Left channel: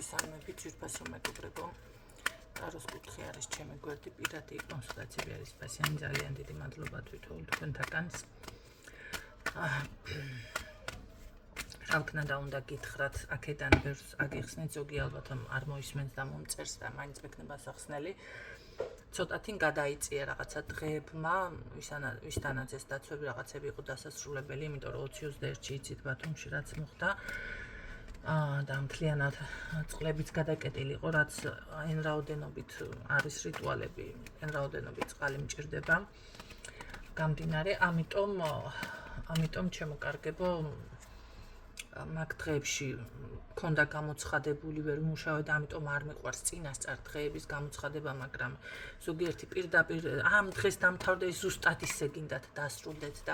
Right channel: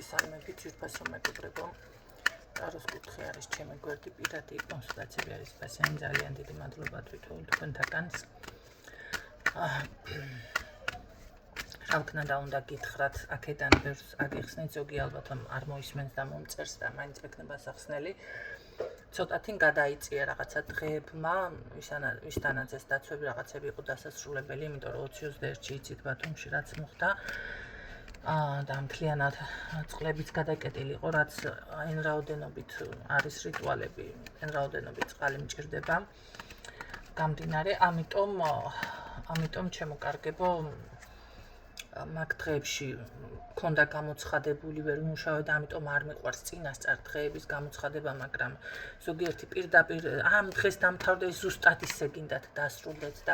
მოგესალმებით ძვირფასო მეგობრებო. ტაროს კუთხე არის ჩემი გვერდი, პირადი კონსულტაციები არის პასიანი. ძალიან დიდი მადლობა თქვენთაგანს. რა უნდა გითხრათ, აქედან ბევრს აგიხსნით, ზოგი ალბათ არ მოისმენს და მომწერს და მაინც მექნება სახსნელი. ცოტათი გადაიწია რაღაცა დღეებმა, ვისთანაც ეს დაცვები რაღაცები იყო დასასრულებელი, იმიტომ რომ 21-ში იცით ბათუმში რაც მოხდა. და მთლიანად წყლებიც გადაკეტილი იყო, რაც այն რაოდენობით არის რიტუალები, այն რაოდენობით წყალი მჭირდება. გამდინარე, ამიტომ ჩემო-კარგებო, მაგ დღეებში მქონდა გამოცხადებული, ვერ ვმუშავე და ამიტომ არ მიყვარს წინასწარ დღეების გამოცხადება, მაგრამ ზოგიერთი პირდაპირ ამ დღეს დამთავრდა, ზუსტად ისე გინდათ დასრულდეს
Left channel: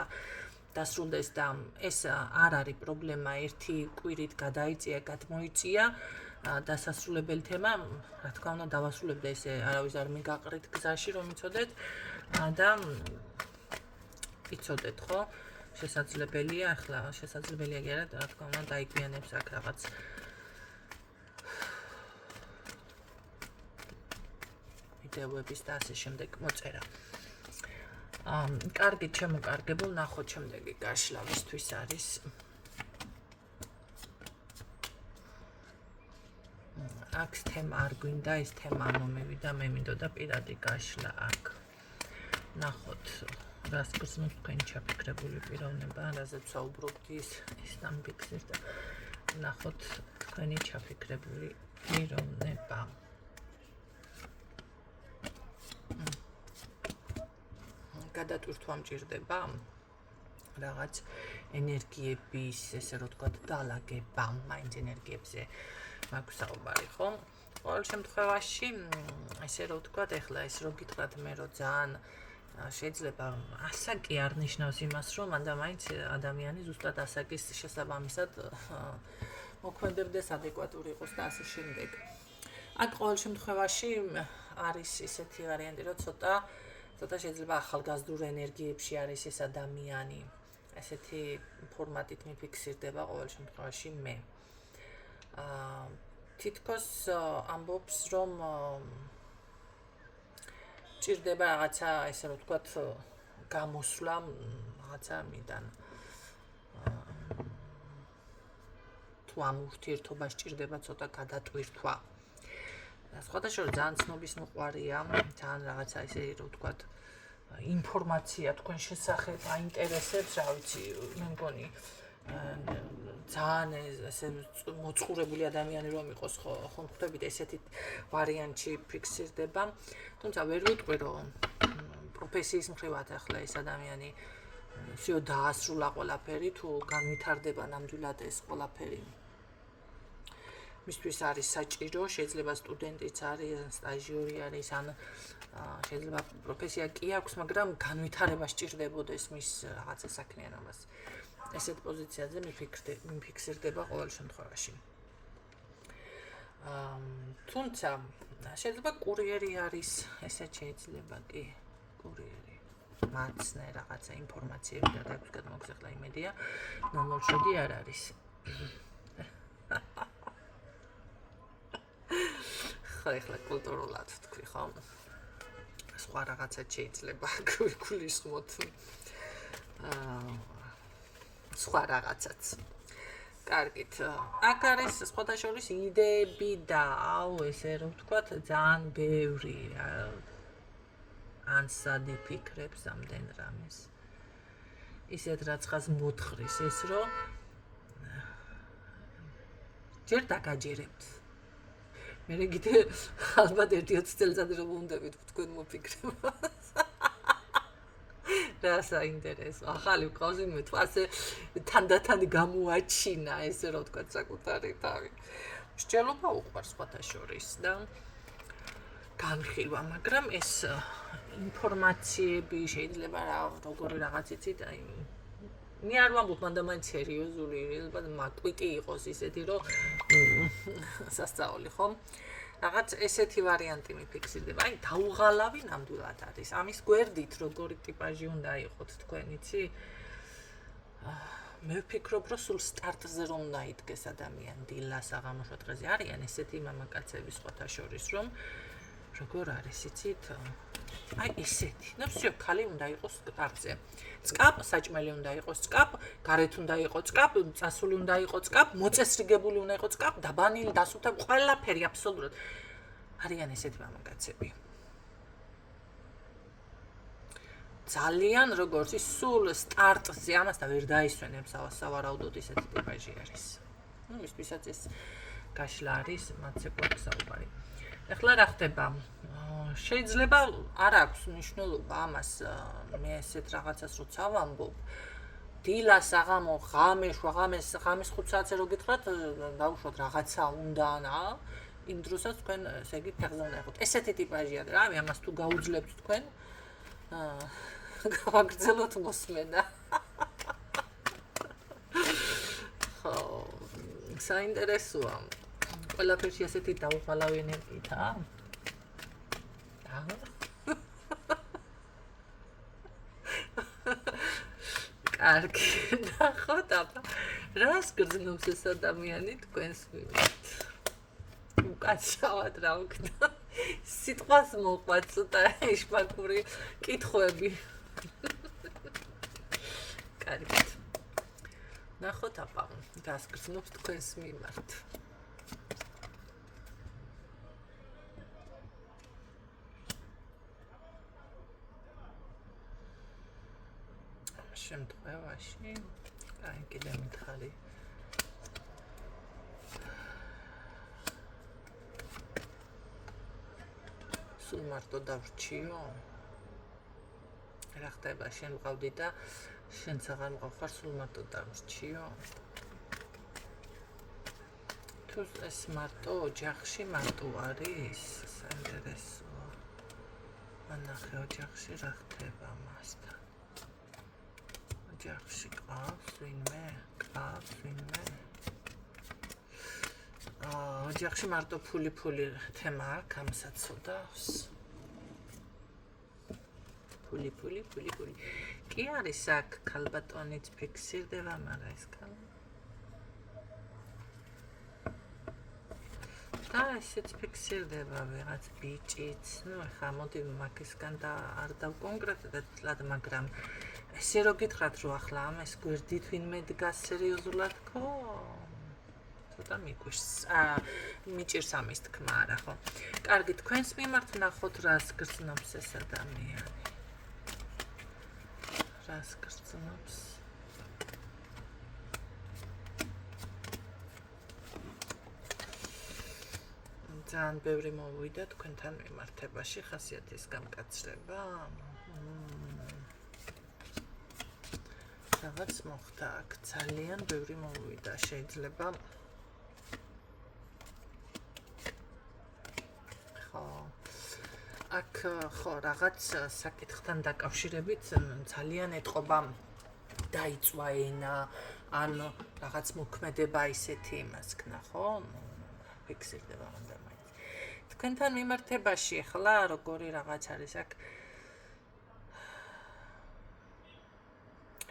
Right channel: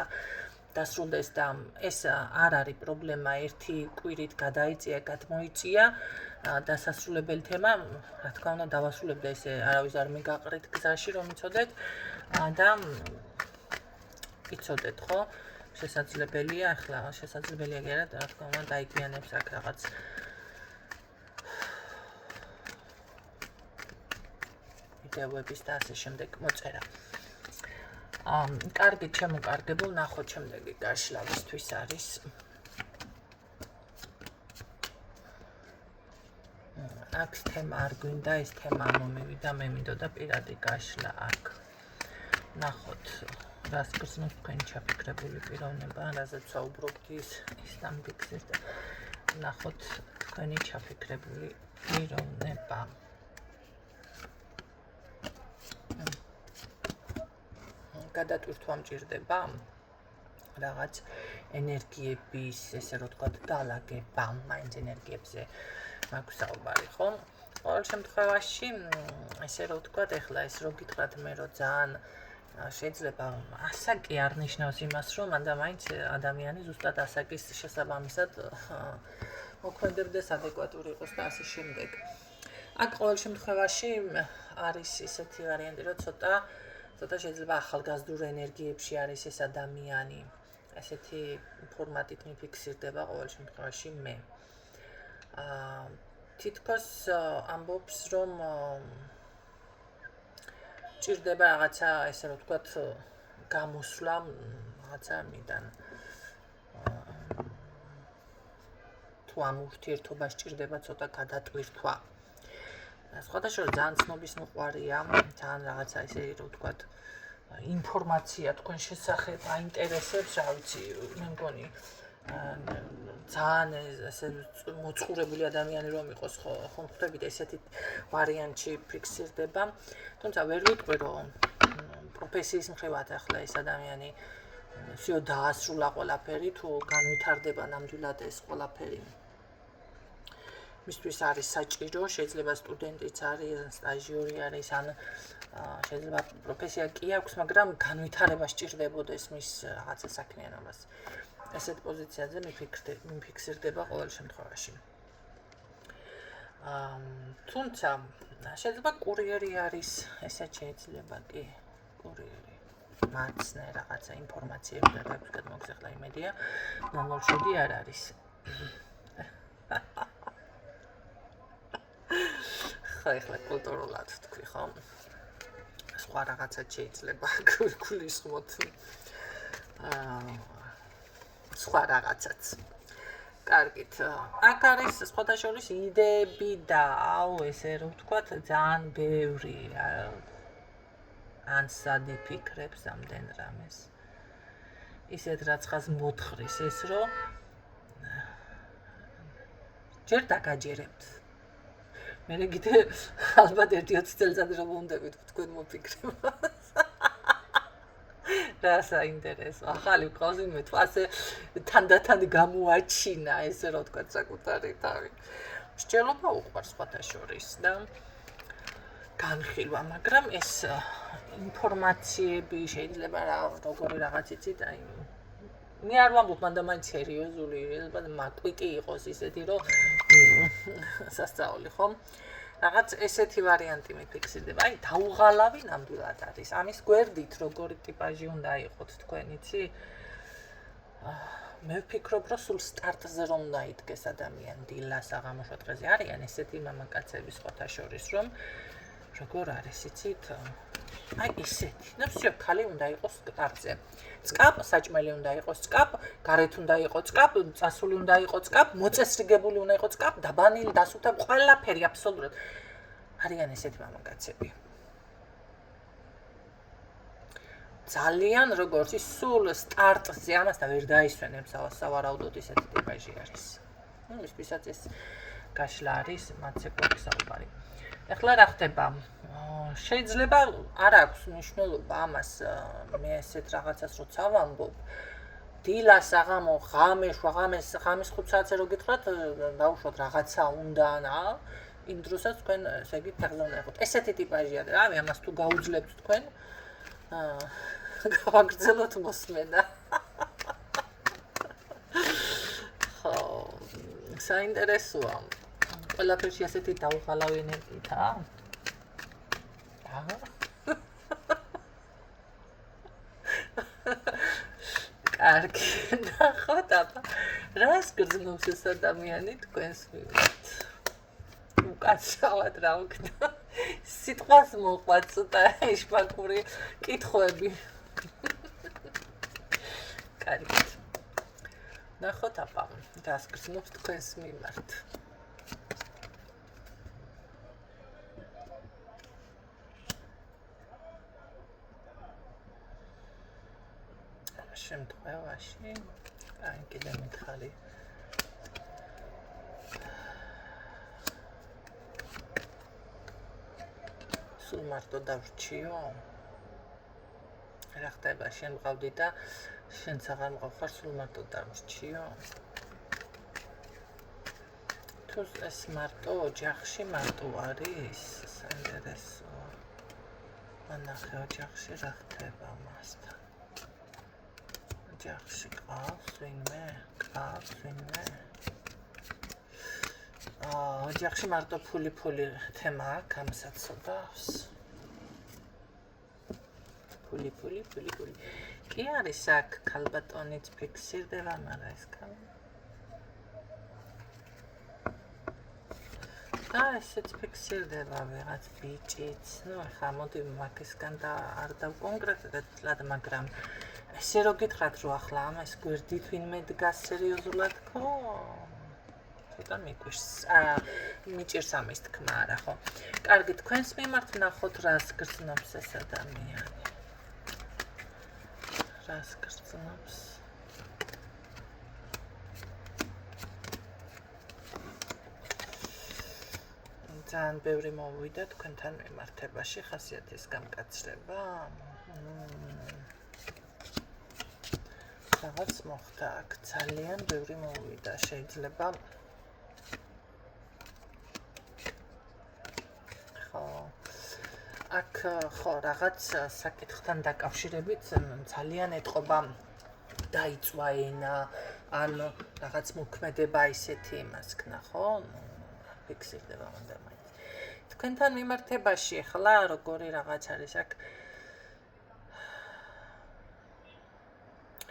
და ეს არ არის პრობლემა, ერთი კვირით გადაიწია, გადმოიწია დასასრულებელი თემა, რა თქმა უნდა დავასრულებ და ესე არავის არ მიგაყრით გზაში რომ იცოდეთ და იცოდეთ, ხო? შესაძლებელია, ახლა შესაძლებელია კი არა, რა თქმა უნდა დაიგვიანებს აქ რაღაც ვიდეოების და ასე შემდეგ მოწერა. კარგი, ჩემო-კარგებო, ნახოთ შემდეგი გაშლა ვისთვის არის. აქ თემა არ გვინდა, ეს თემა არ მომივიდა, მე მინდოდა პირადი გაშლა აქ. ნახოთ, რას გრძნობს თქვენი ჩაფიქრებული პიროვნება, რაზეც საუბრობთ ის დამფიქრეს და ნახოთ თქვენი ჩაფიქრებული პიროვნება. გადატვირთვა მჭირდება რაღაც ენერგიების, ესე რომ ვთქვათ, დალაგება, მაინც ენერგიებზე მაქვს საუბარი, ხო? ყოველ შემთხვევაში, ესე რომ ვთქვათ, ეხლა ეს რო გითხრათ მე რომ ძალიან შეიძლება ასაკი არ ნიშნავს იმას, რომ მანდა მაინც ადამიანი ზუსტად ასაკის შესაბამისად მოქმედებდეს, ადეკვატური იყოს და ასე შემდეგ. აქ ყოველ შემთხვევაში არის ისეთი ვარიანტი, რომ ცოტა შეიძლება ახალგაზრდულ ენერგიებში არის ეს ადამიანი, ესეთი ფორმატით მიფიქსირდება ყოველ შემთხვევაში მე. თითქოს ამბობს, რომ ჭირდება რაღაცა, ესე რომ ვთქვათ, გამოსვლა რაღაცა ამიდან. თუ ამ ურთიერთობას ჭირდება ცოტა გადატვირთვა. სხვადასხვა ძალიან ცნობის მოყვარია, ძალიან რაღაცა ესე რომ ვთქვათ, ინფორმაცია თქვენ შესახებ აინტერესებს, რა ვიცი, მე მგონი ძალიან ესე მოწყურებული ადამიანი რომ იყოს, ხო ხვდებით ესეთი ვარიანტში ფიქსირდება. თუმცა ვერ ვიტყვი რომ პროფესიის მხრივად ახლა ეს ადამიანი всё დაასრულა ყველაფერი, თუ განვითარდება ნამდვილად ეს ყველაფერი. მისთვის არის საჭირო, შეიძლება სტუდენტიც არის, სტაჟიორი არის, ან შეიძლება პროფესია კი აქვს, მაგრამ განვითარება სჭირდებოდეს მის რაღაცა საქმიანობას. ესეთ პოზიციაზე მიფიქსირდება ყოველ შემთხვევაში. თუმცა შეიძლება კურიერი არის, ესეც შეიძლება კი კურიერი. მაცნე რაღაცა ინფორმაციები და დაგვიგად მოგზახლა იმედია, 007 არ არის. ეხლა კულტურულად თქვი, ხო? სხვა რაღაცაც შეიძლება გულისხმოთ. სხვა რაღაცაც. კარგით. აქ არის სხვადასხვა იდეები და ესე რომ ვთქვათ, ძალიან ბევრი ანსადი ფიქრებს ამდენ რამეს. ისეთ რაც ხას მოთხრის ეს რომ ჯერ დაგაჯერებთ. მე კიდე ალბათ 1-20 წელიწად რომ უნდებით თქვენ მოფიქრებას. რა საინტერესო. ახალი ყავს მე თუ ასე თანდათან გამოაჩინა, ესე რომ ვთქვათ, საკუთარი თავი. მსჯელობა უყვარს სხვათა შორის და განხილვა, მაგრამ ეს ინფორმაციები შეიძლება როგორი რაღაც იცით, აი მე არ ვამბობ მანდა მაინც სერიოზული, მაკვიკი იყოს ისეთი, რომ სასწაული, ხო? რაღაც ესეთი ვარიანტი მიფიქსირდება. აი, დაუღალავი ნამდვილად არის. ამის გვერდით, როგორი ტიპაჟი უნდა იყოთ თქვენ, იცი? მე ვფიქრობ, რომ სულ სტარტზე რომ უნდა იდგეს ადამიანი დილა საღამოშო დღეზე არიან ესეთი მამაკაცები სხვათა შორის, რომ როგორ არის, იცით? აი ესეთი. ნუ всё, ქალი უნდა იყოს სტარტზე. წკაპ საჭმელი უნდა იყოს წკაპ, გარეთ უნდა იყოს წკაპ, წასული უნდა იყოს წკაპ, მოწესრიგებული უნდა იყოს წკაპ, დაბანილი, დასუთა, ყველაფერი აბსოლუტურად. არიან ესეთი მამაკაცები. ძალიან როგორც ის სულ სტარტზე ამასთან ვერ დაისვენებს სავარაუდოდ ისეთი ტიპაჟი არის. ნუ ვისთვისაც ეს გაშლა არის, მათზე გვაქვს. ეხლა რა ხდება? შეიძლება არ აქვს მნიშვნელობა ამას მე ესეთ რაღაცას როცა ვამბობ. დილა საღამო ღამე ღამის 5 საათზე რო გითხრათ, დაუშვათ რაღაცა უნდა რა. იმ დროსაც თქვენ ესე იგი ფეხზე უნდა იყოთ. ესეთი ტიპაჟია და რავი, ამას თუ გაუძლებთ თქვენ გავაგრძელოთ მოსმენა. ხო, საინტერესოა. ყველაფერში ასეთი დაუღალავი ენერგიითაა? კარგი, ნახოთ აბა. რას გრძნობს ეს ადამიანი თქვენს მიმართ? უკაცრავად რა ვქნა. სიტყვას მოყვათ ცოტა ეშმაკური კითხვები. კარგი. ნახოთ აბა, რას გრძნობს თქვენს მიმართ. შემთხვევაში, აი კიდე მითხარი. სულ მარტო დავრჩიო? რა ხდება, შენ მყავდი და შენც აღარ მყავ, სულ მარტო დავრჩიო? თუ ეს მარტო ოჯახში მარტო არის, საინტერესოა. ანახე ოჯახში რა ხდება მასთან. ოჯახში ყავს ვინმე? ოჯახში მარტო ფული თემა აქვს, ამასაც ცოდავს. ფული. კი არის აქ ქალბატონიც ფიქსირდება, მაგრამ ეს ქალი. და ესეც ფიქსირდება ვიღაც ბიჭიც. ნუ ახლა მოდი მაგისგან და არ დავკონკრეტულად, მაგრამ ესე რო გითხრათ, რომ ახლა ამას გვერდით ვინმე დგას სერიოზულად ხო? ცოტა მიჭირს ამის თქმა არა ხო? კარგი, თქვენს მიმართ ნახოთ რას გრძნობს ეს ადამიანი. რას გრძნობს? ძალიან ბევრი მოვიდა თქვენთან მიმართებაში, ხასიათის გამკაცრება. რაღაც მოხდა აქ, ძალიან ბევრი მოვიდა, შეიძლება. აქ ხო რაღაც საკითხთან დაკავშირებით ძალიან ეთყობა დაიწვა ენა, ან რაღაც მოქმედება ისეთი იმას ქნა, ხო? ფიქსირდება უნდა მაინც. თქვენთან მიმართებაში ხლა როგორი რაღაც არის აქ?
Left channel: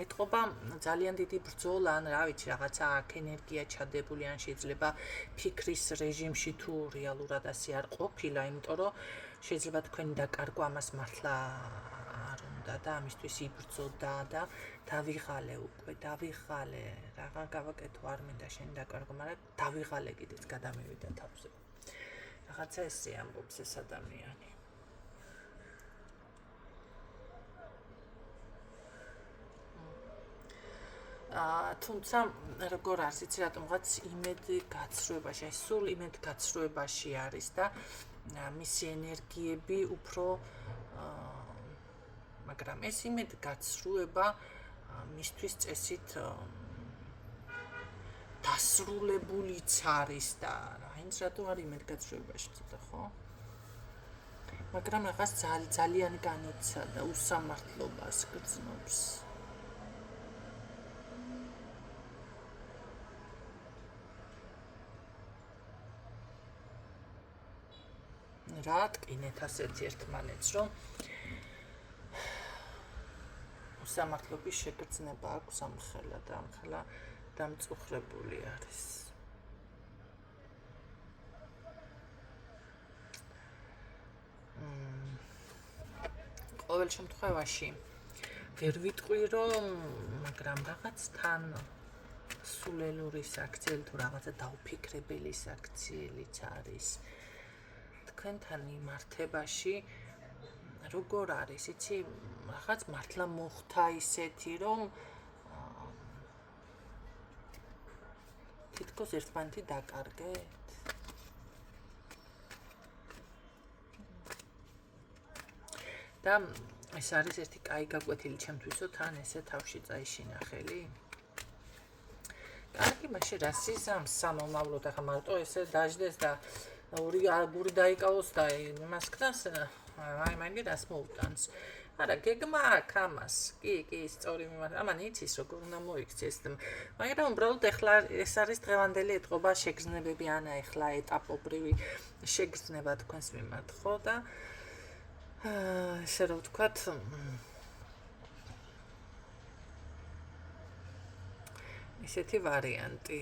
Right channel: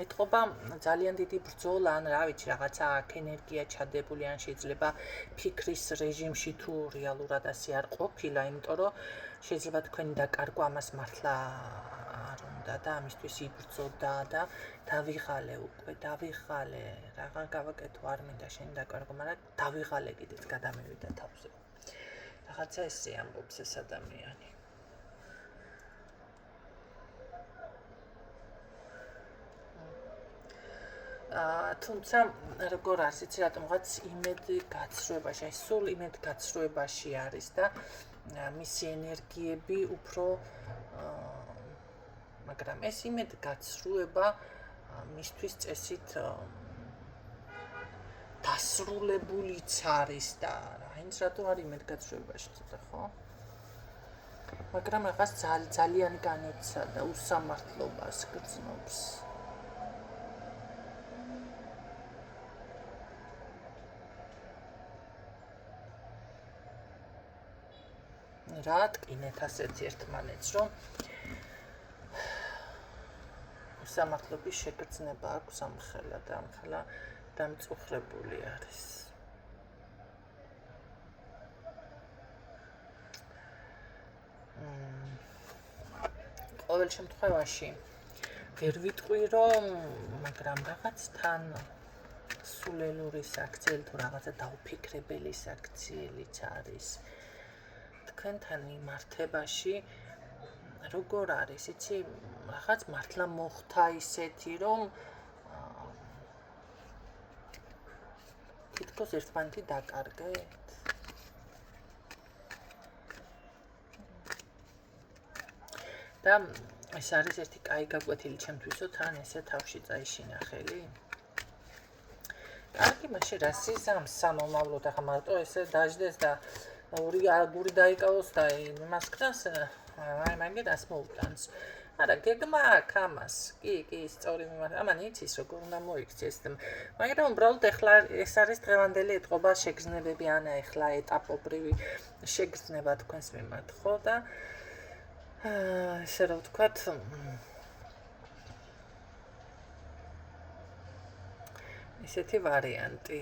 ეთყობა ძალიან დიდი ბრძოლა, ან რა ვიცი, რაღაცა აქ ენერგია ჩადებული, ან შეიძლება ფიქრის რეჟიმში თუ რეალურად ასე არ ყოფილა, იმიტომ რომ შეიძლება თქვენი დაკარგვა ამას მართლა არ უნდა და ამისთვის იბრძოდა და დავიღალე უკვე, რაღა გავაკეთო, არ მინდა შენი დაკარგვა, მაგრამ დავიღალე კიდეც გადამევიდა თავზე. რაღაცა ესე ამბობს ეს ადამიანი. თუმცა როგორ არის, იცი რატომღაც იმედი გაცრუებაში, აი სულ იმედი გაცრუებაში არის და მისი ენერგიები უფრო მაგრამ ეს იმედი გაცრუება მისთვის წესით დასრულებულიც არის და რაინც რატო არის იმედი გაცრუებაში ცოტა ხო? მაგრამ რაღაც ძალიან განიცა და უსამართლობას გრძნობს. რა ტკინეთ ასეთი ერთმანეთს, რომ სამართლობის შეგრძნება აქვს ამხელა და ამხელა დამწუხრებული არის. ყოველ შემთხვევაში ვერ ვიტყვი რომ მაგრამ რაღაც თან სულელური საქციელი თუ რაღაცა დაუფიქრებელი საქციელიც არის თქვენთან მიმართებაში როგორ არის იცი რაღაც მართლა მოხდა ისეთი რომ თითქოს ერთმანეთი დაკარგეთ და ეს არის ერთი კაი გაკვეთილი ჩემთვისო თან ესე თავში წაიშინა ხელი კარგი მაშინ რა სიზამ სამომავლოდ ახლა მარტო ესე დაждდეს და ორი აგური დაიკავოს და იმას ქნას მაგერას მოუტანს არა გეგმა აქვს ამას კი სწორი ამან იცის როგორ უნდა მოიქცეს მაგრამ უბრალოდ ეხლა ეს არის დღევანდელი ეთყობა შეგრძნებები ან ეხლა ეტაპობრივი შეგრძნება თქვენს მიმართ ხო და ესე რომ ვთქვათ ისეთი ვარიანტი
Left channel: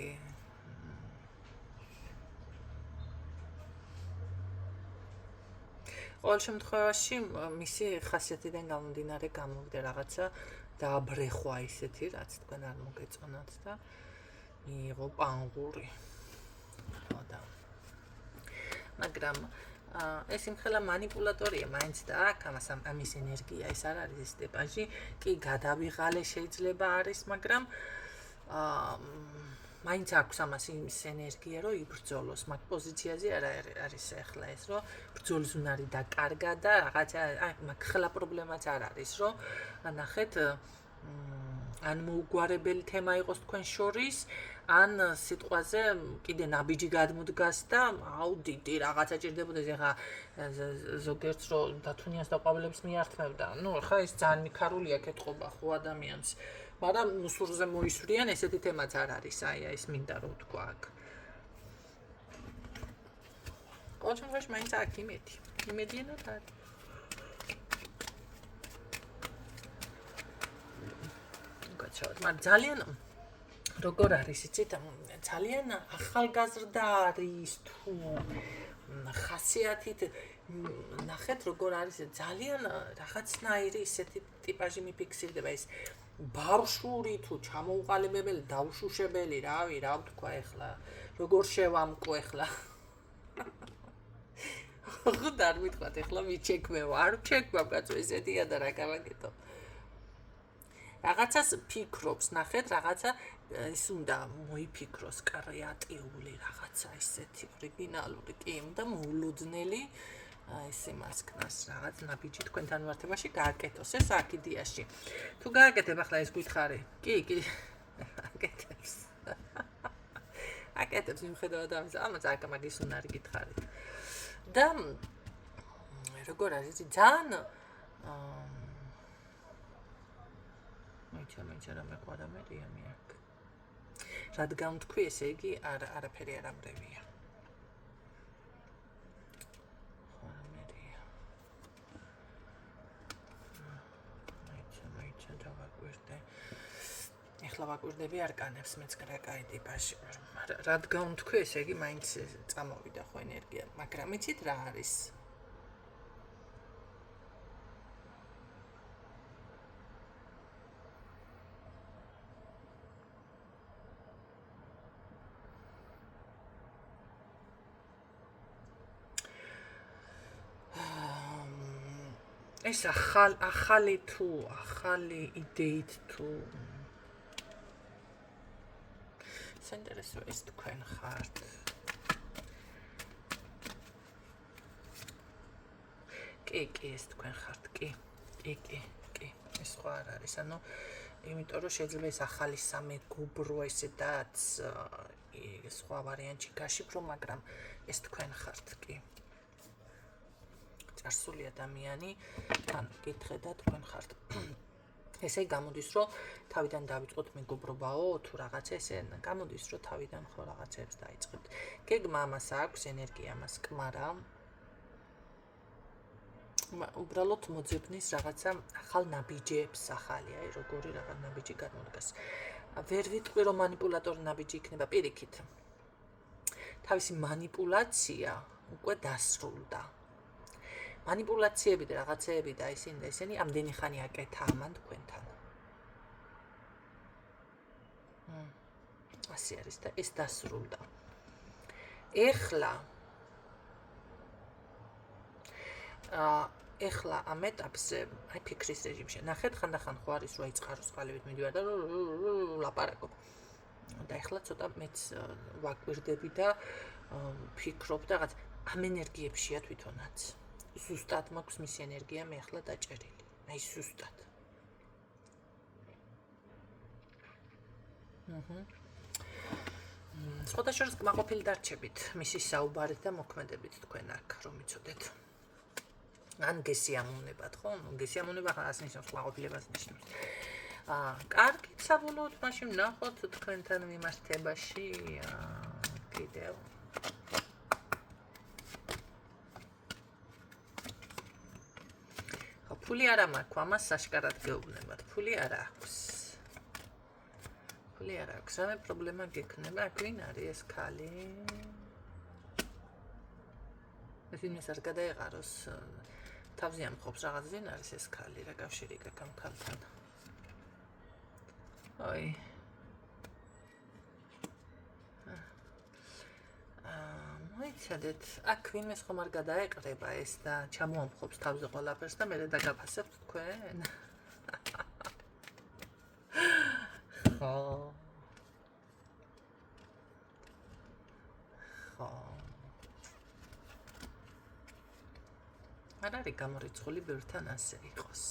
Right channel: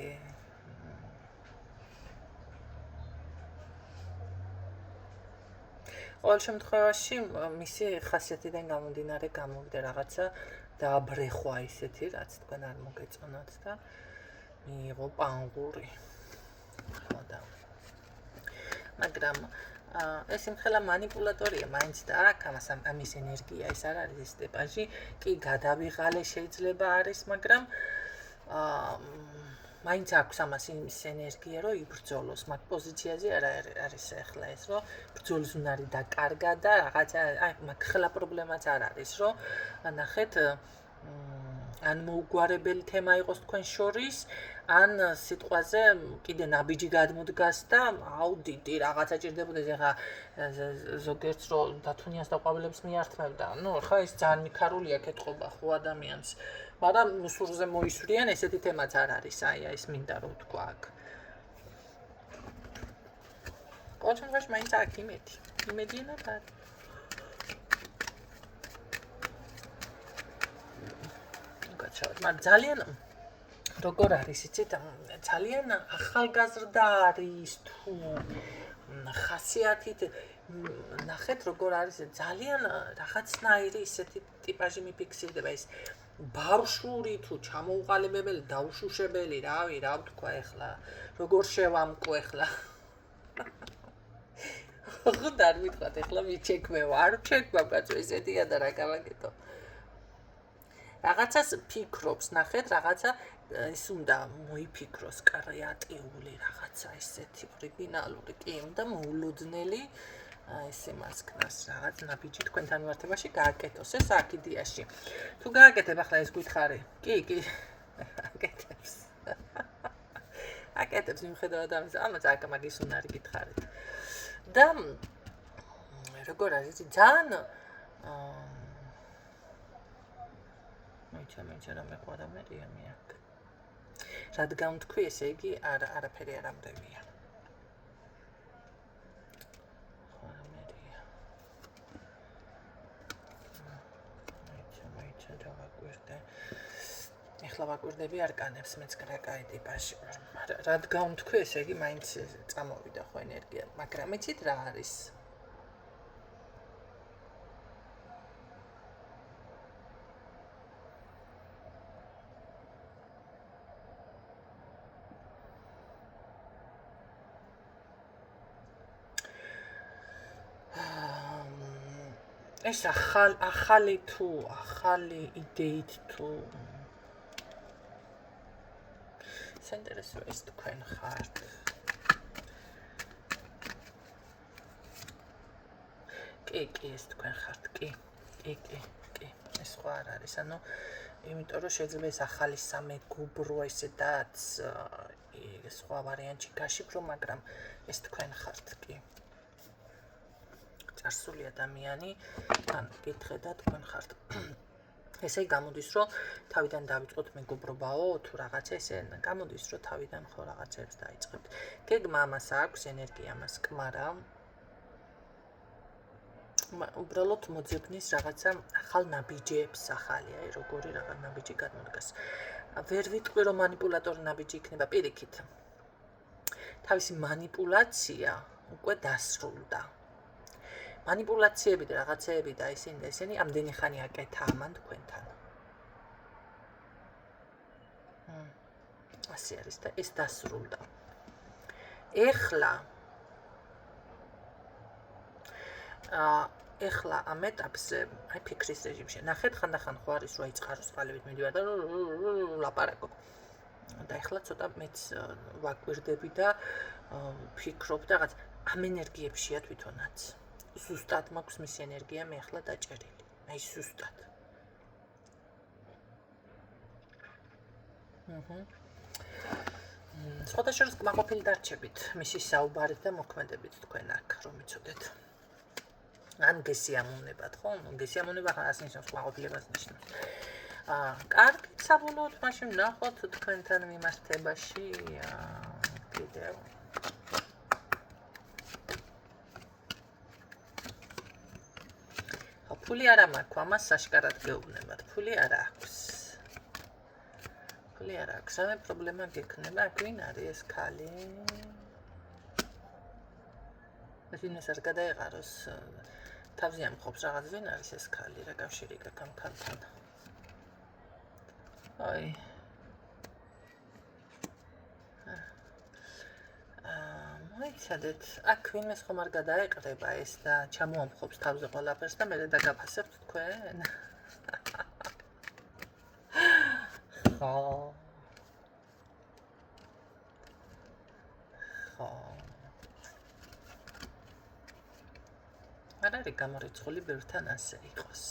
ყოველ შემთხვევაში მისი ხასიათიდან გამომდინარე გამოვიდა რაღაცა დააბრეხვა ისეთი რაც თქვენ არ მოგეწონათ და მიიღო პანგური ხო და მაგრამ ეს იმხელა манипуляტორია მაინც და აქ ამის ენერგია ეს არ არის ეს ტიპაჟი კი გადავიღალე შეიძლება არის მაგრამ მაინც აქვს ამას იმის ენერგია რომ იბრძოლოს მაგ პოზიციაზე არ არის ახლა ეს რომ ბრძოლის უნარი დაკარგა და რაღაცა მაგ ხელა პრობლემაც არ არის რომ ნახეთ ან მოუგვარებელი თემა იყოს თქვენ შორის ან სიტყვაზე კიდე ნაბიჯი გადმოდგას და აუ დიდი რაღაცა ჭირდებოდეს ეხა ზოგიერთს რომ დათუნიას და ყვავილებს მიართმევდა ნუ ხა ეს ძალიან მიქარულია კეთყობა ხო ადამიანს მაგრამ სურზე მოისვრიან ესეთი თემაც არ არის აი ეს მინდა რომ თქვა აქ კონცენტრაში მაინც აქ იმედიანად არის მაგრამ ძალიან როგორ არის იცით ძალიან ახალგაზრდა არის თუ ხასიათით ნახეთ როგორ არის ძალიან რაღაცნაირი ისეთი ტიპაჟი მიფიქსირდება ეს ბავშვური თუ ჩამოუყალიბებელი დაუშუშებელი რავი რა ვთქვა ეხლა როგორ შევამკო ეხლა ხუთ არ მithქვათ ეხლა მიჩექმევ არ ჩექმავ კაცო ესეთია და რა გავაკეთო რაღაცას ფიქრობს ნახეთ რაღაცა ის უნდა მოიფიქროს კრეატიული რაღაცა ისეთი ორიგინალური კი და მოულოდნელი ეს იმას ქნას რაღაც ნაბიჯი თქვენთან მიმართებაში გააკეთოს ეს აკიდიაში თუ გააკეთებ ახლა ეს გითხარი კი აკეთებს მიუხედავად ამისა ამას აქ მაგის უნარი გითხარით და როგორ არის ძალიან მეჩა რა მეყარა მერია მეაკ რადგან თქვი ესე იგი არაფერი არ ამრევია მეჩა დავაკვირდე ეხლა ვაკვირდები არკანებს მეც კრაკაი ტიპაში რადგან თქვი ესე იგი მაინც წამოვიდა ხო ენერგია მაგრამ იცით რა არის ეს ახალი იდეით თუ საინტერესოა ის თქვენ ხართ კი ეს თქვენ ხართ კი ეს სხვა არ არის ანუ იმიტომ რომ შეიძლება ეს ახალი სამეგობრო ესედაც სხვა ვარიანტი გაშიფრო მაგრამ ეს თქვენ ხართ კი წარსული ადამიანი ან გითხე და თქვენ ხართ ესე გამოდის რომ თავიდან დავიწყოთ მეგობრობაო თუ რაღაცა ესე გამოდის რომ თავიდან ხო რაღაცებს დაიწყებთ გეგმა ამას აქვს ენერგია ამას კმარა უბრალოდ მოძებნის რაღაცა ახალ ნაბიჯებს ახალი, აი როგორი რაღაც ნაბიჯი გადმოდგას. ვერ ვიტყვი რომ манипуляტორი ნაბიჯი იქნება პირიქით. თავისი манипуляცია უკვე დასრულდა. манипуляციები და რაღაცეები და ისინი ამდენი ხანი აკეთა ამან თქვენთან. ასე არის და ეს დასრულდა. ეხლა ამ ეტაპზე, აი ფიქრის რეჟიმში, ნახეთ ხანდახან ხო არის რომ აიწყაროს ყალიბით მიდივარ და ლაპარაკობ. და ეხლა ცოტა მეც ვაკვირდები და ფიქრობ და რაღაც ამ ენერგიებშია თვითონაც. ზუსტად მაქვს მისი ენერგია მე ახლა დაჭერილი. აი ზუსტად. სხვადასხვა კმაყოფილი დარჩებით მისი საუბარით და მოქმედებით თქვენ აქ რომ იცოდეთ. ან გესიამოვნებათ, ხო? გესიამონება ხას ნიშნავს კმაყოფილებას ნიშნავს. კარგით, საბოლოოდ მაშინ ვნახოთ თქვენთან მიმართებაში კიდევ. ფული არა მაქვს, ამას საშკარად გეუბნებათ. ფული არა აქვს. ფული არა აქვს. ამე პრობლემა გექნება, აქ ვინ არის ეს ქალი? ეს ვინმეს არ გადაეღაროს. თავზე ამყოფს რაღაც ვინ არის ეს ქალი, რა კავშირი გაქვს ამ ქალთან? აი. მოიცადეთ, აქ ვინმეს ხომ არ გადაეყრება ეს და ჩამოამხობს თავზე ყველაფერს და მე დაგაფასებთ თქვენ? ხო. არ არის გამორიცხული ბევრთან ასე იყოს.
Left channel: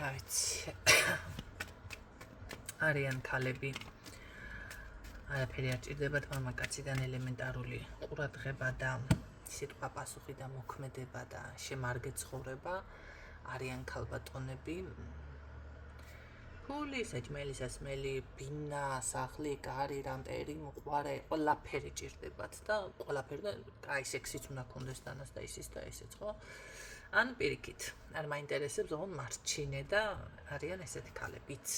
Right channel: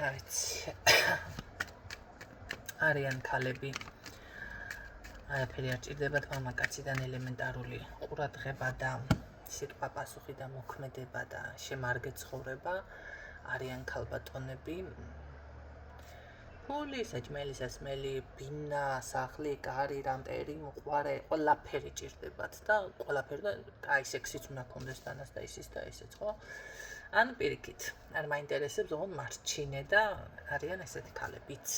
რა ვიცი. არიან ქალები. არაფერი არ ჭირდებათ მამაკაციდან ელემენტარული ყურადღება და სიტყვა პასუხი და მოქმედება და შემარგე ცხოვრება. არიან ქალბატონები. ფული, საჭმელი, სასმელი, ბინა, სახლი, კარი, რამტერი, მოყვარე, ყველაფერი ჭირდებათ და ყველაფერი და აი სექსიც უნდა გქონდეს თანას და ისიც და ესეც, ხო? ან პირიქით, არ მაინტერესებს ოღონდ მარჩინე და არიან ესეთი ქალებიც.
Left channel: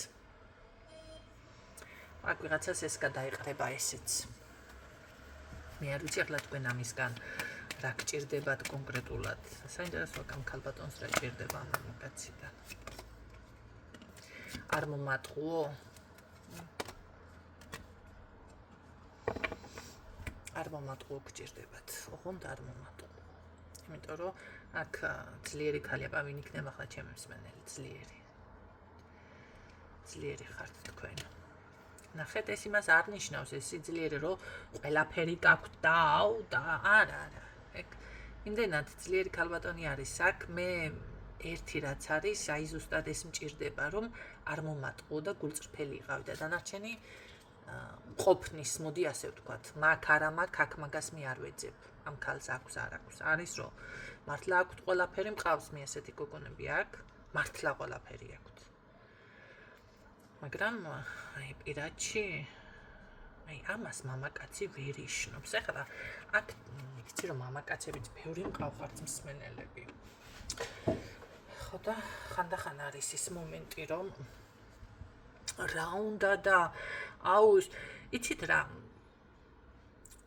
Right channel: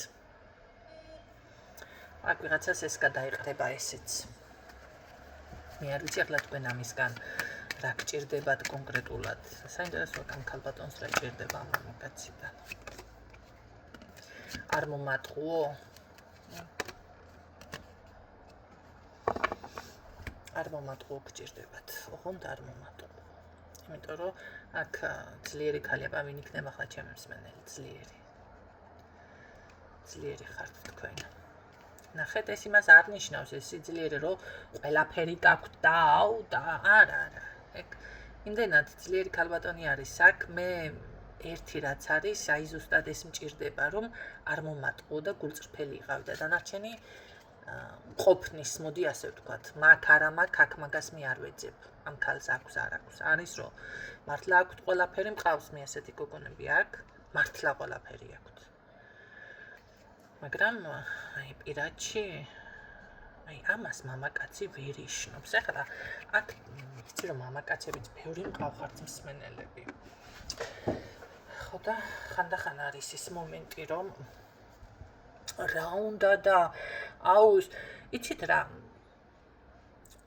აქ ვიღაცას ეს გადაეყრება ესეც. მე არ ვიცი ახლა თქვენ ამისგან რა გჭირდებათ კონკრეტულად. საინტერესოა ამ ქალბატონს რა ჭირდება ამ მამაკაციდან. არ მომატყუო? არ მომატყუო გჭირდებათ. ოღონდ არ მომატყუო. იმიტომ რომ აქ ძლიერი ქალია, ვინ იქნება ახლა ჩემი მსმენელი, ძლიერი. ძლიერი ხართ თქვენ. ნახეთ, ეს იმას არ ნიშნავს ეს სიძლიერე, რომ ყველაფერი გაქვთ და აუ და არა. იმდენად ძლიერი ქალბატონი არის აქ, მე ერთი რაც არის, აი ზუსტად ეს მჭირდება, რომ არ მომატყუო და გულწრფელი იყავი და დანარჩენი ყოფნის, მოდი ასე ვთქვათ, მაგ არა მაგ, აქ მაგას მე არ ვეძებ. ამ ქალს აქვს არ აქვს. არის რომ მართლა აქვთ ყველაფერი, მყავს მე ასეთი გოგონები აქ, მართლა ყველაფერი აქვთ. მაგრამ აი პირადში აი ამას მამაკაცი ვერ იშნობს. ეხლა აქ ვიცი რომ მამაკაცებიც ბევრი მყავხართ მსმენელები. ხო და ხანდახან არის ის მომენტი რომ რა უნდა და აუ იცით რა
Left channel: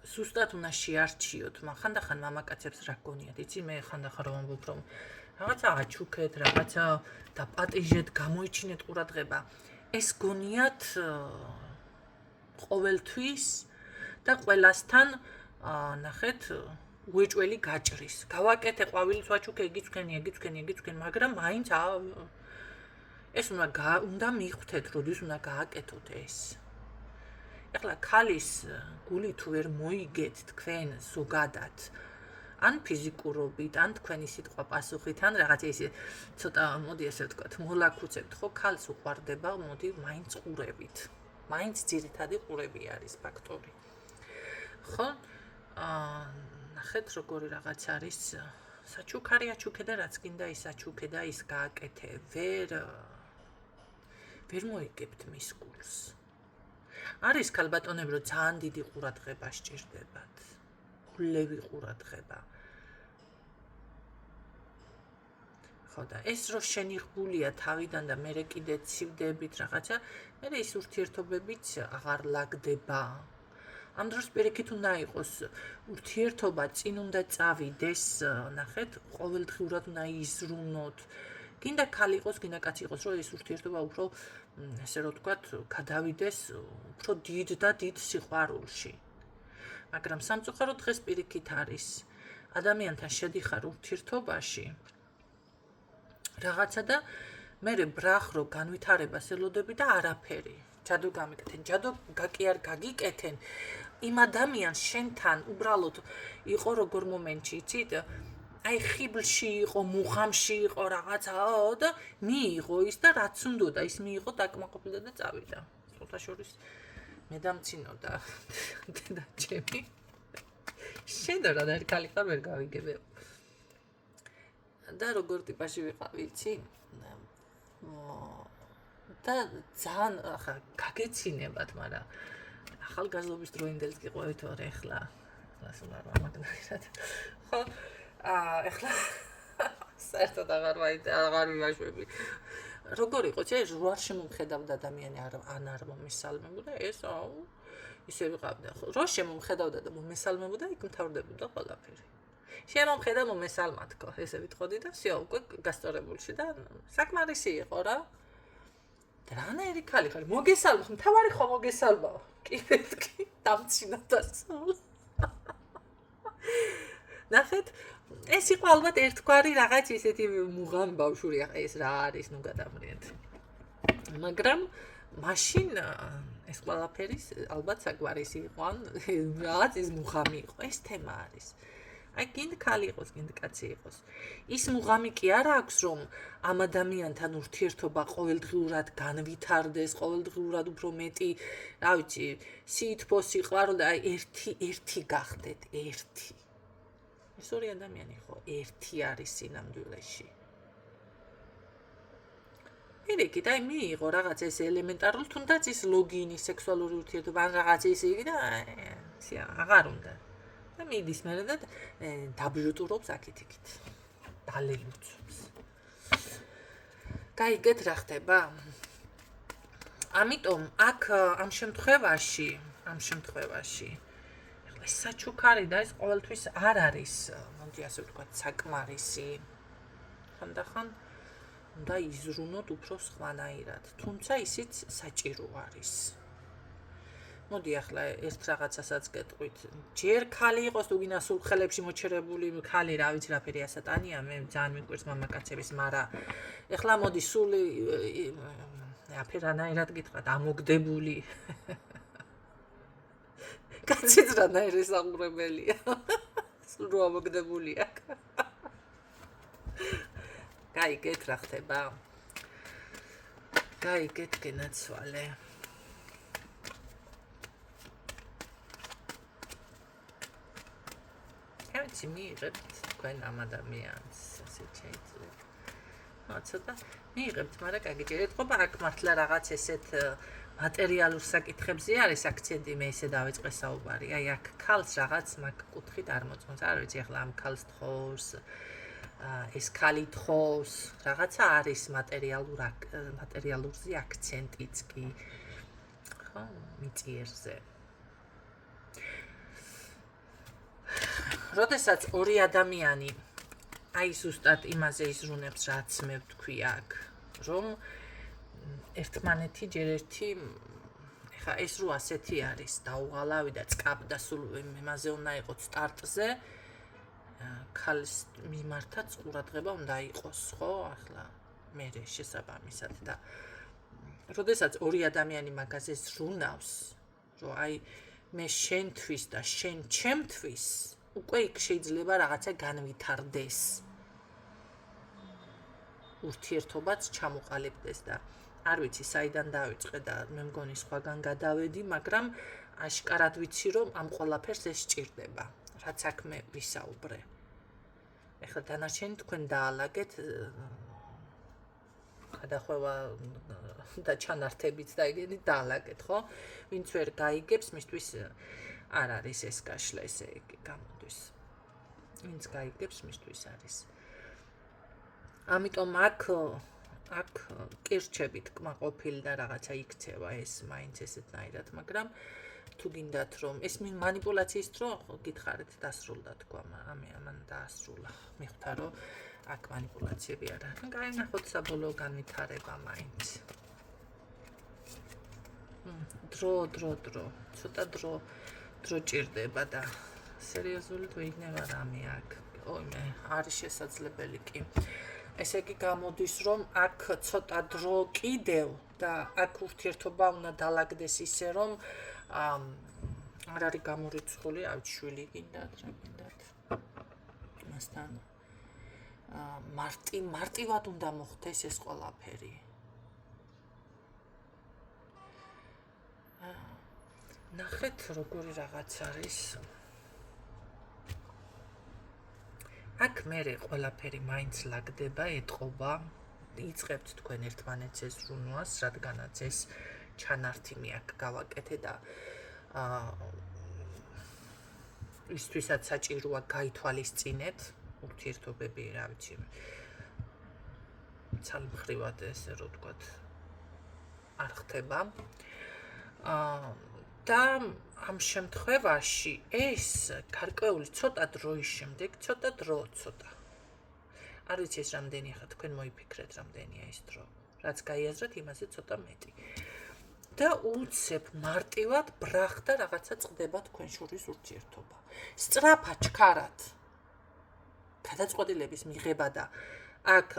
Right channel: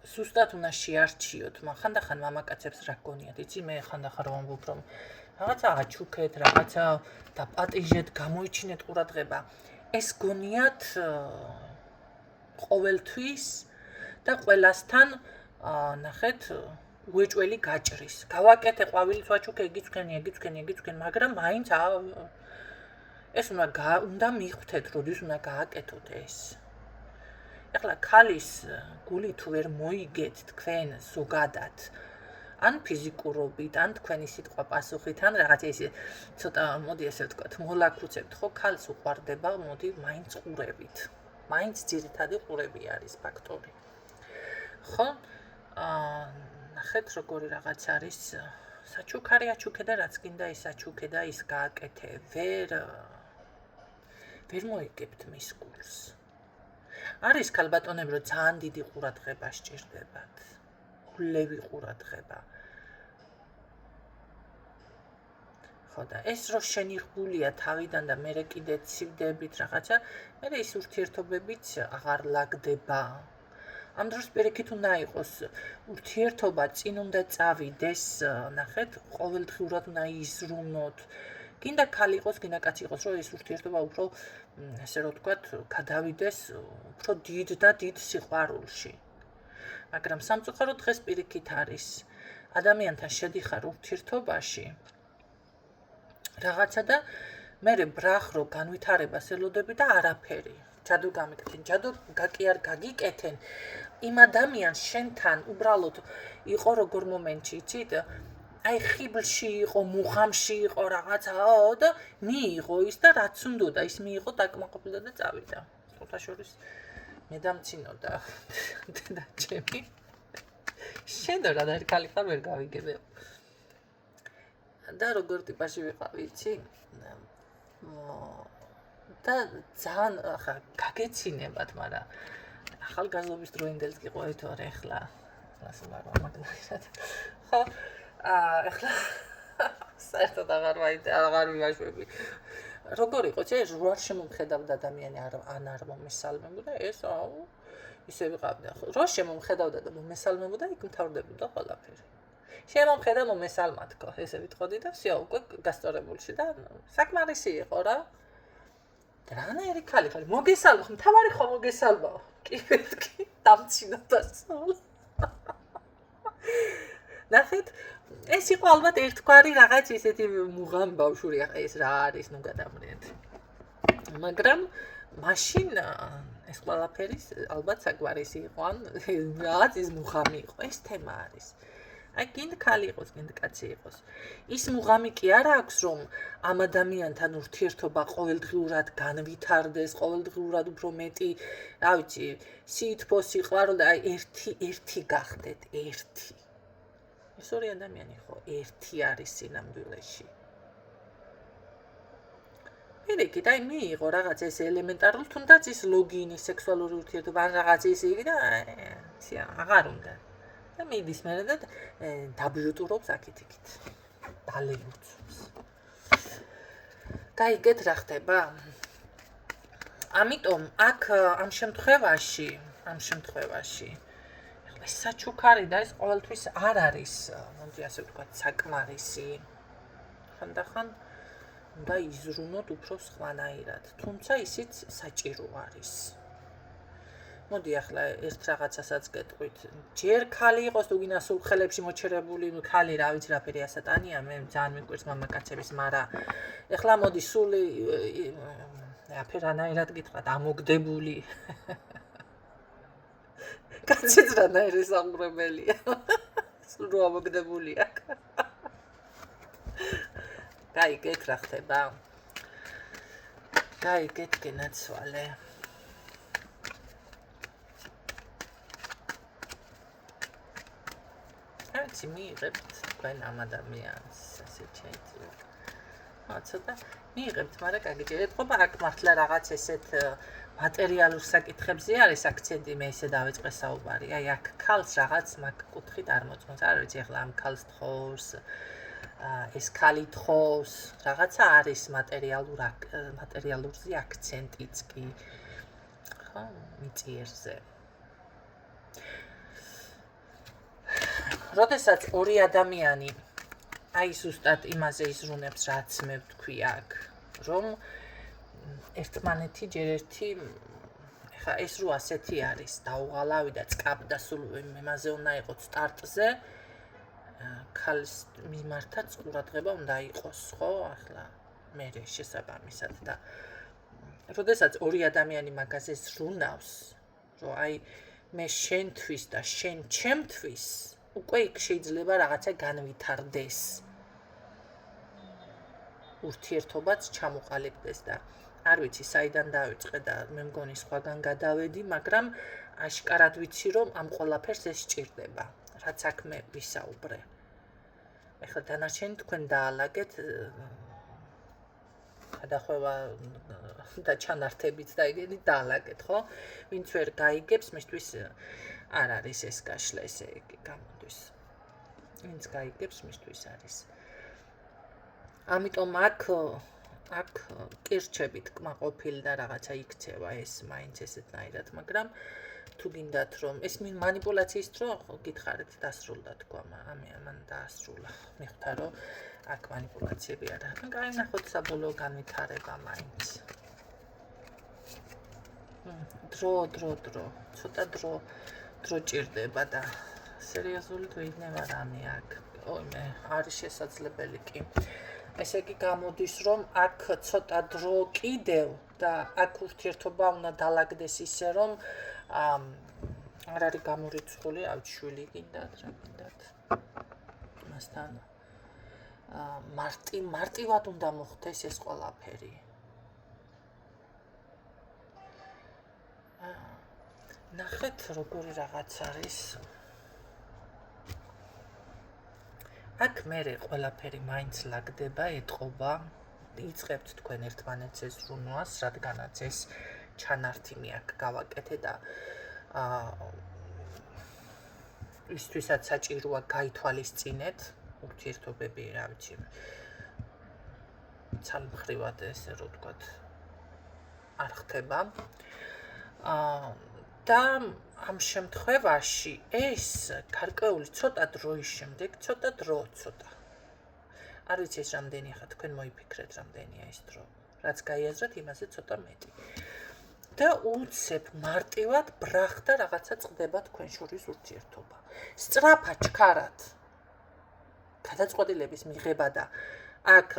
ზუსტად უნდა შეარჩიოთ, მაგრამ ხანდახან მამაკაცებს რა გონიათ, იცი მე ხანდახან რომ ამბობ რომ რაღაცა აჩუქეთ, რაღაცა დაპატიჟეთ, გამოიჩინეთ ყურადღება. ეს გონიათ ყოველთვის და ყველასთან ნახეთ უეჭველი გაჭრის. გავაკეთე ყვავილის ვაჩუქე, იგიც თქვენ, მაგრამ მაინც ეს უნდა მიხვდეთ, როდის უნდა გააკეთოთ ეს. ეხლა ქალის გული თუ ვერ მოიგეთ თქვენ ზოგადად, ან ფიზიკურობით, ან თქვენი სიტყვა პასუხით, ან რაღაცა ისე ცოტა მოდი ასე ვთქვათ, მოლაქუცებთ, ხო, ქალს უყვარდება, მოდი მაინც ყურებით. მაინც ძირითადი ყურები არის ფაქტორი. ხო? ნახეთ როგორი რაღაც არის საჩუქარი აჩუქე და რაც გინდა ის აჩუქე და ის გააკეთე. ვერ მოიგებთ მის გულს. არის ქალბატონები, რომ ძალიან დიდი ყურადღება სჭირდებათ. გულევი ყურადღება. ხო და ეს რო შენიღბულია თავიდან და მე კიდე ცივდებით რაღაცა, მე ის ურთიერთობებიც აღარ ლაგდება. ამ დროს პირიქით უნდა იყოს ურთიერთობა წინ უნდა წავიდეს, ნახეთ, ყოველდღიურად უნდა იზრუნოთ. გინდა ქალი იყოს, გინდა კაცი იყოს, რომ ეს ურთიერთობა უფრო, ესე რომ ვთქვათ, გადავიდეს უფრო დიდ და დიდ სიყვარულში. მაგრამ სამწუხაროდ დღეს პირიქით არის. ადამიანთან შედიხარ ურთიერთობაში რაღაცა და მე ბრახ რო განვითარებას ელოდები და არაფერი. ჯადო გამიკეთენ, ჯადო კი არ გაგიკეთენ. იმ ადამიანს შენთან უბრალოდ იყო როგორ მომენტში, იცით? აი ხიბლში იყო, მუხამში იყო რაღაცაო და მიიღო ის და რაც უნდოდა ის მიიღო, დაკმაყოფილდა და წავიდა. სხვათა შორის მე დამცინოდა და ჩემი შენო რა და ხალი ხარ ვერ გავიგებია. და როგორ ტიპაში ვიყავი, იცი? და ძალიან ახლა გაგეცინებათ, მაგრამ ახალგაზრდობის დროინდელს გიყვებით ვარ ეხლა. ასე მაგნაირად. ხო, ეხლა საერთოდ აღარ ვიმაშვები. როგორ იყო, ეს როარ შემომხედავდა ადამიანი ან არ მომესალმებოდა, ეს ისე ვიყავდა. რო შემომხედავდა და მომესალმებოდა, იქ მთავრდებოდა ყველაფერი. შემომხედა მომესალმათქო, ესე ვიტყოდი და სიო უკვე გასწორებულში და საკმარისი იყო რა. რანაირი ქალი ხარ, მოგესალმო, მთავარი ხო მოგესალმო. კი მეთქი, დამცინოდა სულ. ნახეთ, ეს იყო ალბათ ერთგვარი რაღაც ისეთი მუღამ ბავშვური, ახლა ეს რა არის, ნუ გადამრიეთ. მაგრამ მაშინ ეს ყველაფერი ალბათ საგვარისი იყო, ან რაღაც ის მუღამი იყო, ეს თემა არის. აი გინდა ქალი იყოს, გინდა კაცი იყოს. ის მუღამი კი არ აქვს, რომ ამ ადამიანთან ურთიერთობა ყოველდღიურად განვითარდეს, ყოველდღიურად უფრო მეტი, რა ვიცი, სითბო, სიყვარული და აი ერთი გახდეთ, ერთი. ეს ორი ადამიანი ხო, ერთი არის სინამდვილეში. პირიქით, აი მიიღო რაღაც ეს ელემენტარული, თუნდაც ის ლოგინი, სექსუალური ურთიერთობა, ან რაღაც ისე იგი და ისე აღარ უნდა. და მიდის მერე და დაბჟუტურობს აქეთ-იქით. დალეუცობს. გაიგეთ რა ხდება? ამიტომ აქ ამ შემთხვევაში ეს საჩუქარი და ეს ყოველთვის არ არის, მოდი ასე ვთქვათ, საკმარისი. ხანდახან უნდა იზრუნოთ უფრო სხვანაირად, თუმცა ისიც საჭირო არის. მოდი ახლა ერთ რაღაცასაც გეტყვით. ჯერ ქალი იყოს თუ გინდა სულ ხელებში მოჩერებული ქალი, რა ვიცი რა ფერი ასატანია, მე ძალიან მიყვარს მამაკაცების, მაგრამ ეხლა მოდი სულ აფერანაირად გითხრათ, ამოგდებული. კაციც რანაირი სამღრებელია. სულ რო ამოგდებულია. გაიგეთ რა ხდება? გაიგეთ გენაცვალე. ეცი მიიღებთ თქვენ ამ ადამიანს, ასე შეიძლება. ცოტა მიიღებთ, მაგრამ გაგიჭირეთ, ხობა აქ მართლა რაღაც ესეთ მატერიალურ საკითხებზე არის აქცენტი, მე ესე დავიწყე საუბარი. აი აქ ქალს რაღაც მაგ კუთხით არ მოწმობს. არ ვიცი ახლა ამ ქალს თხოვს, ეს ქალი თხოვს, რაღაცა არის მატერიალურზე აქცენტიც კი. ხო, მიწიერზე. როდესაც ორი ადამიანი აი ზუსტად იმაზე იზრუნებს, რაც მე ვთქვი აქ, რომ ერთმანეთი ჯერ ერთი, ხა ეს რო ასეთი არის, დაუღალავი და წკაპდა სულ იმაზე უნდა იყოს სტარტზე, ქალის მიმართაც ყურადღება უნდა იყოს, ხო, ახლა მე შესაბამისად და როდესაც ორი ადამიანი მაგაზე ზრუნავს, რომ აი მე შენთვის და შენ ჩემთვის უკვე იქ შეიძლება რაღაცა განვითარდეს. ურთიერთობაც ჩამოყალიბდეს და არ ვიცი საიდან დავიწყე და მე მგონი სხვაგან გადავედი, მაგრამ აშკარად ვიცი რომ ამ ყველაფერს ეს სჭირდება, რაც აქ მე ვისაუბრე. ეხლა დანარჩენი თქვენ დაალაგეთ გადახვევა და ჩანართებით და ეგეთი დაალაგეთ, ხო? ვინც ვერ გაიგებს, მისთვის არ არის ეს გაშლა, ესე იგი გამოდის. ვინც გაიგებს, მისთვის არის. ამიტომ აქ კირჩებით კმაყოფილი და რაღაცა იქცევა ეს მაინც ესეთნაირად, მაგრამ თუ გინდათ რომ ეს მანიპულაციის დრო გითხარით დასრულდა თქვა, ამან დაასრულა. მიხვდა რომ აქ მანიპულაციები არა. გაინახოთ საბოლოო განვითარება მაინც. დრო. ცოტა დრო ჭირდება და სერიოზულად ვეუბნება რამე აქ. ოიმე, არის შესაძლებელი კი. ესე იგი გამოდის რომ აქ ცოტა დრო კიდევ და აქ ურთიერთობა უნდა დაალაგდეს ისე რომ არ არის გამორიცხული, ავთ შვილი გინდათ, რა გინდათ. მასთან მარტივად უნდა მოხდეს ეს ყველაფერი. ნახეთ როგორი რაღაც არის. აქ მერე ყველაფერი მაინც ლაგდება, ეტყობა, იწყებთ თქვენ ერთმანეთს ეს ზრუნვას, რადგანაც ეს ჩანართი მე აქ გავაკეთე და ისთვისაც საჭიროა გაითვალისწინეთ ურთიერთობები, რა ვიცი. ცალმხრივად ესე რო ვთქვათ, არ ხდება. და ამ შემთხვევაში ეს გარკვეული ცოტა დროის შემდეგ, ცოტა. არ ვიცი ეს რამდენი ხა თქვენ მოიფიქრეთ რამდენია ეს დრო. რაც გაიაზრეთ, იმაზე ცოტა მეტი. და უცებ მარტივად ბრახდა რაღაცა წყდება თქვენ შორის ურთიერთობა. სწრაფად ჩქარად. გადაწყვეტილების მიღება და აქ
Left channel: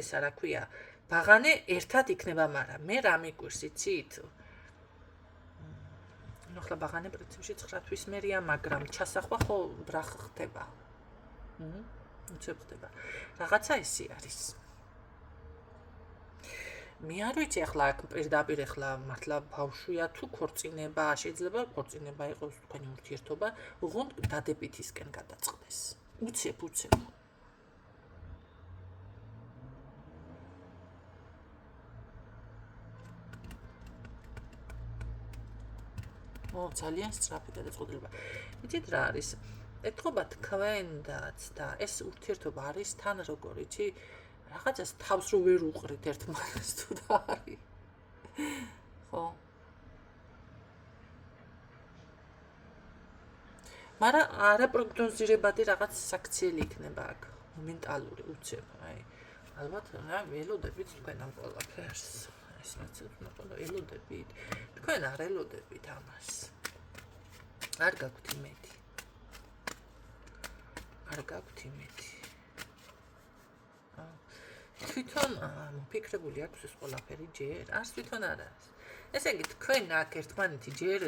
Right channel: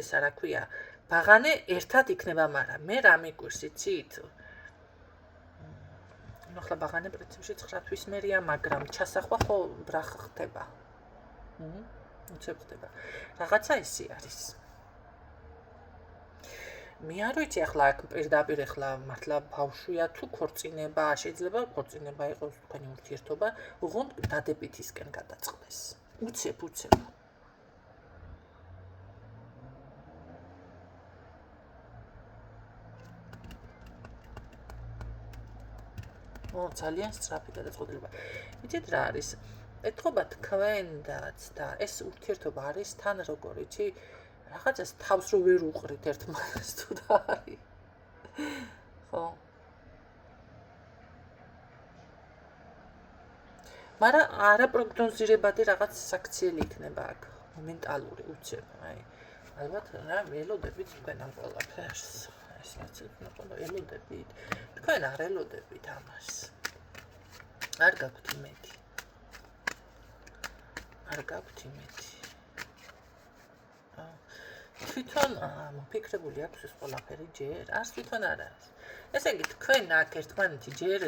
ესა რა ქვია, ბაღანე ერთად იქნება, მაგრამ მე რა მიგვირს იცით? ახლა ბაღანე პრინციპში 9 თვის მერია, მაგრამ ჩასახვა ხო ბრახ ხდება. უცებ ხდება. რაღაცა ესე არის. მე არ ვიცი ახლა აქ პირდაპირ ახლა მართლა ბავშვია თუ ქორწინება, შეიძლება ქორწინება იყოს თქვენი ურთიერთობა, ოღონდ დადებითისკენ გადაწყდეს. უცებ. ძალიან სწრაფი გადაწყვეტილება. იცით რა არის? ეთქობა თქვენდაც და ეს ურთიერთობა არის თან როგორ იცი? რაღაცას თავს რო ვერ უყრით ერთმანეთს თუ და არის. ხო. მაგრამ არაპროგნოზირებადი რაღაც საქციელი იქნება აქ, მომენტალური უცებ, აი. ალბათ რა ველოდებით თქვენ ამ ყველაფერს. ეს ნაცნობად ელოდებით. თქვენ არ ელოდებით ამას. არ გაქვთ იმედი. თვითონ მოფიქრებული აქვს ეს ყველაფერი ჯერ? არც თვითონ არ არის. ესე იგი თქვენ აქ ერთმანეთი ჯერ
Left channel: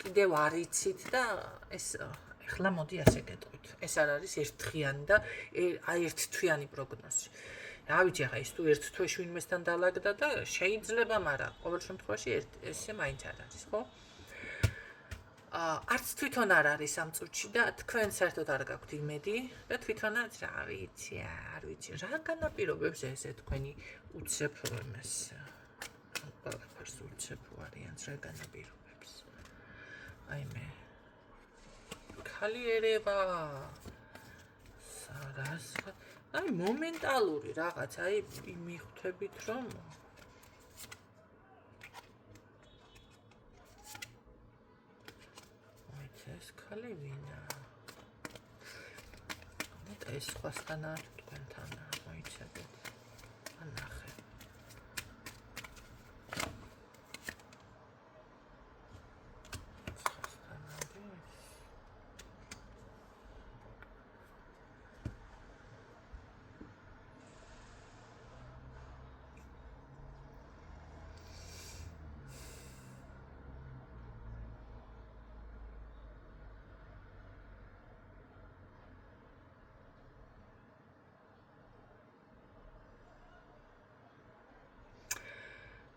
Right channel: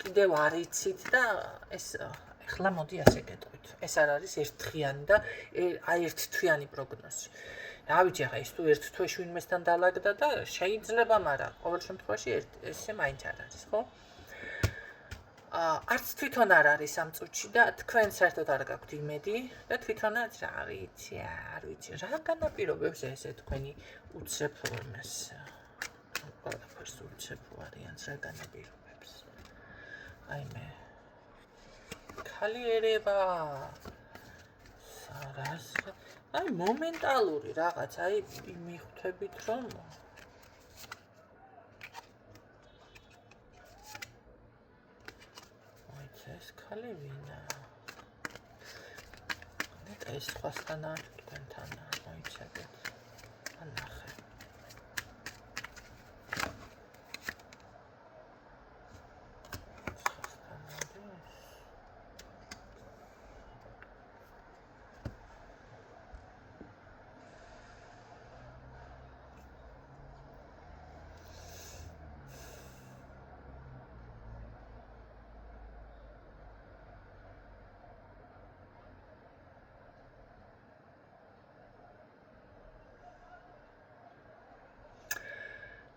კიდევ არ იცით და ეს ახლა მოდი ასე გეტყვით. ეს არ არის ერთდღიანი და აი ერთთვიანი პროგნოზი. რა ვიცი ახლა ის თუ ერთ თვეში ვინმესთან დაალაგდა და შეიძლება, მაგრამ ყოველ შემთხვევაში ესე მაინც არ არის, ხო? არც თვითონ არ არის ამ წუთში და თქვენ საერთოდ არ გაქვთ იმედი და თვითონაც არ ვიცი. რა განაპირობებს ესე თქვენი უცებ ეს ყველაფერს უცებ ვარიანტს რა განაპირობებს? აი მე ქალიერება სარას აი მომენტალური რაღაც, აი მიხვდებით რომ ეს ქალი ვინა? და ეს სხვასთან არ თქვენთან მოიცადეთ. ანახე. სხვასთან არის.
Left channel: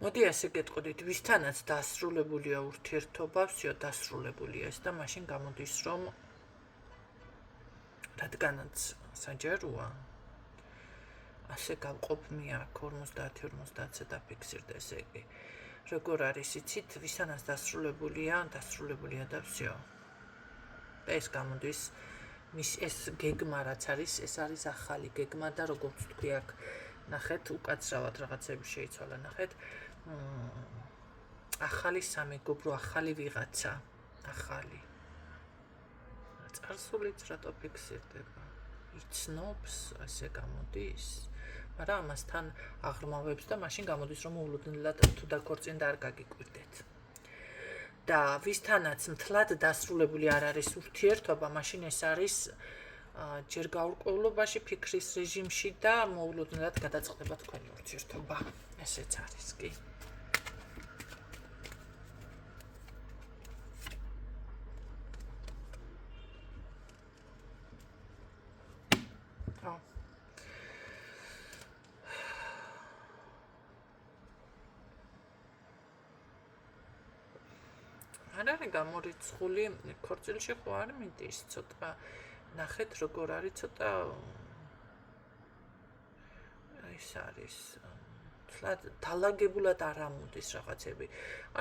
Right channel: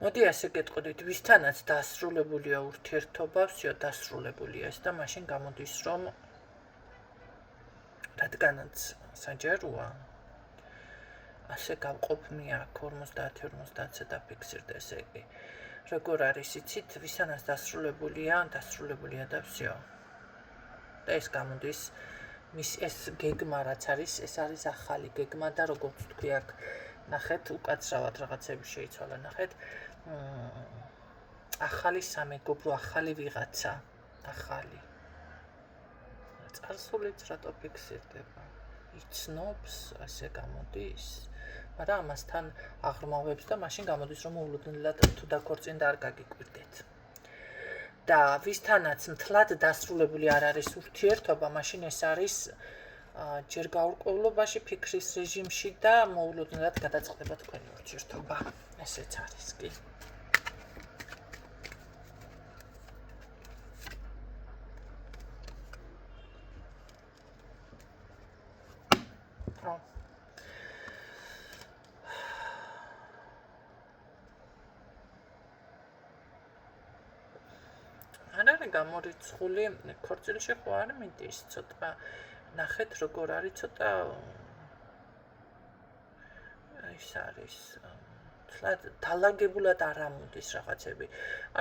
მოდი ასე გეტყოდით, ვისთანაც დასრულებულია ურთიერთობა, всё დასრულებულია ეს და მაშინ გამოდის რომ რადგანაც საჯაროა ასე გავყოფნი აქ 50-50-ზე დაფიქსირდა, ესე იგი. როგორ არის იცით, ვისანაც დასრულებულია და всё. და ეს გამოდის ეს გეგმა რაც არის, ეს არის ახალი გეგმა და როგორც თქვი აქ ნახეთ, უკაცრავად რაღაცები შეიცვალა, ნახეთ. ახალი სამეგობრო, ახალი ვიღაცა, ახალი. წარსულიც რატო ფიქსირდება? იცნობს, ასე გამოდის. მაგრამ ამასთან აღრმავებს და მაშინ გამოდის რომ მოულოდნელად თუ დაქორწინდა არ გაგიკვირდეთ. და ვისთანაც მთლად დასრულებული არ არის ურთიერთობა, მაშინ ეს არის ჯერ გაურკვევლობაში, ფიქრის რეჟიმში და მოულოდნელად გადაწყდება თქვენი ურთიერთობა. ესეც არის კი. არ არის გამორიცხული ქორწილში ხო არ მიდის ცოტა ნახეთ როგორ არის ცოტა ის არის დალაგებულად არ ამოდის რაღაცები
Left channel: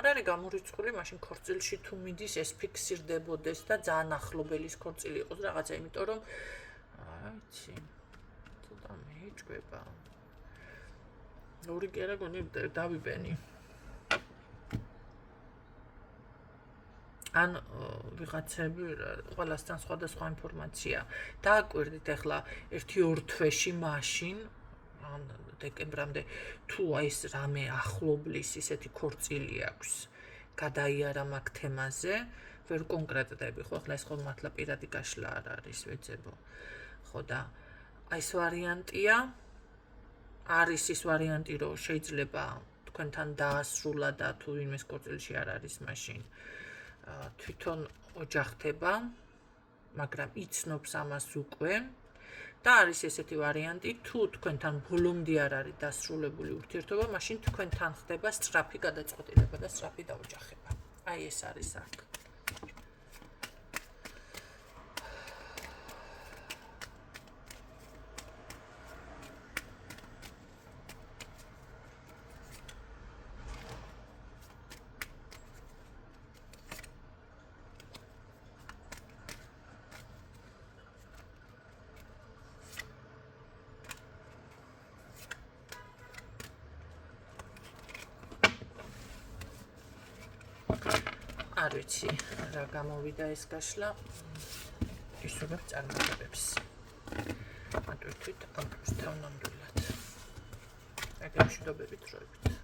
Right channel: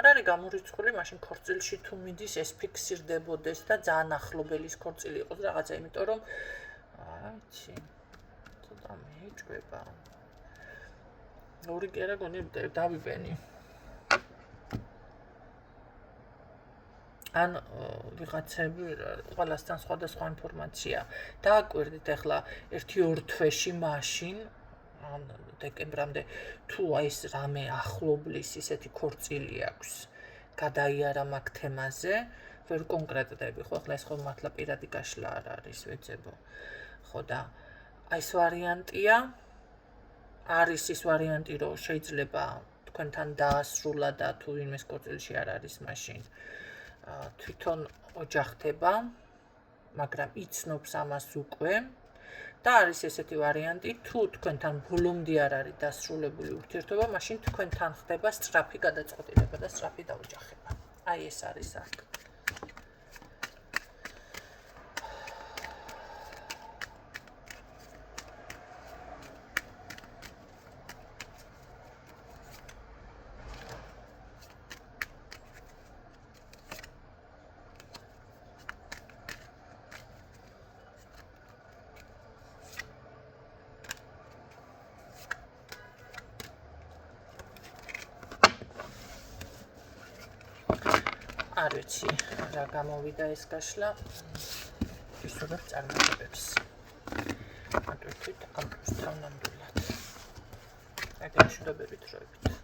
არ არის გამორიცხული მაშინ ქორწილში თუ მიდის ეს ფიქსირდებოდეს და ძალიან ახლობელის ქორწილი იყოს რაღაცა იმიტომ რომ აიცი ცოტა მეჭვება ორი კერა გონი დავიბენი ან ვიღაცები ყველასთან სხვადასხვა ინფორმაცია დააკვირდით ახლა 1-2 თვეში მაშინ ან დეკემბრამდე თუ ეს რამე ახლობლის ისეთი ქორწილი აქვს გადაიარა მაგ თემაზე ვერ კონკრეტდები ხო ახლა ეს ხო მართლა პირადი გაშლა არ არის ვეძებო ხო და აი ეს ვარიანტია არის ის ვარიანტი რომ შეიძლება თქვენთან დაასრულა და თუ ვინმეს ქორწილში არ არის მაშინ თვითონ ოჯახდება, მაგრამ იცნობს ამას უკვე და არის ესეთი ვარიანტი, თუ თქვენთან ბოლომდე არ არის დასრულებული ურთიერთობა, მაშინ თქვენთან ხდება სწრაფი გადაწყვეტილება და სწრაფი დაოჯახება. აი ეს არის აქ. არ ვიცი რა გამოვიდა ეს გაშლა ისურვებ წარმატებებს მარტო თქვით ამ თავნამდვილად აგერ მშვიდობებით დროებით